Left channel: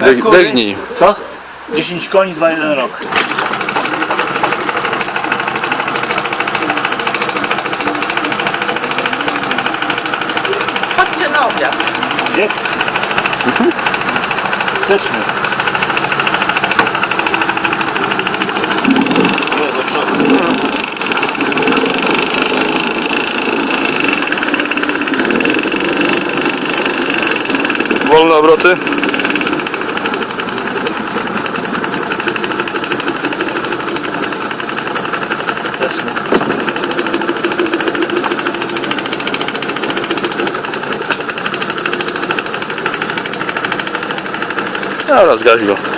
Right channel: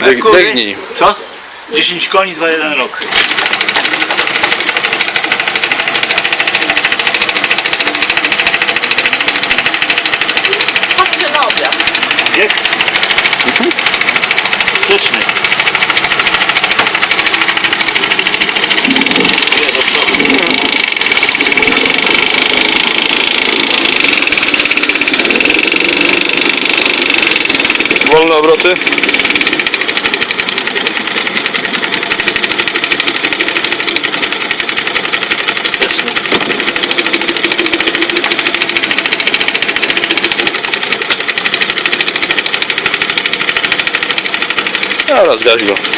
Biegnij. Co? 10 koni za 1 rok. Chodźcie na obiad. Nie? Grzecznie. Wolne obroty. Grzecznie. Teraz gaś go.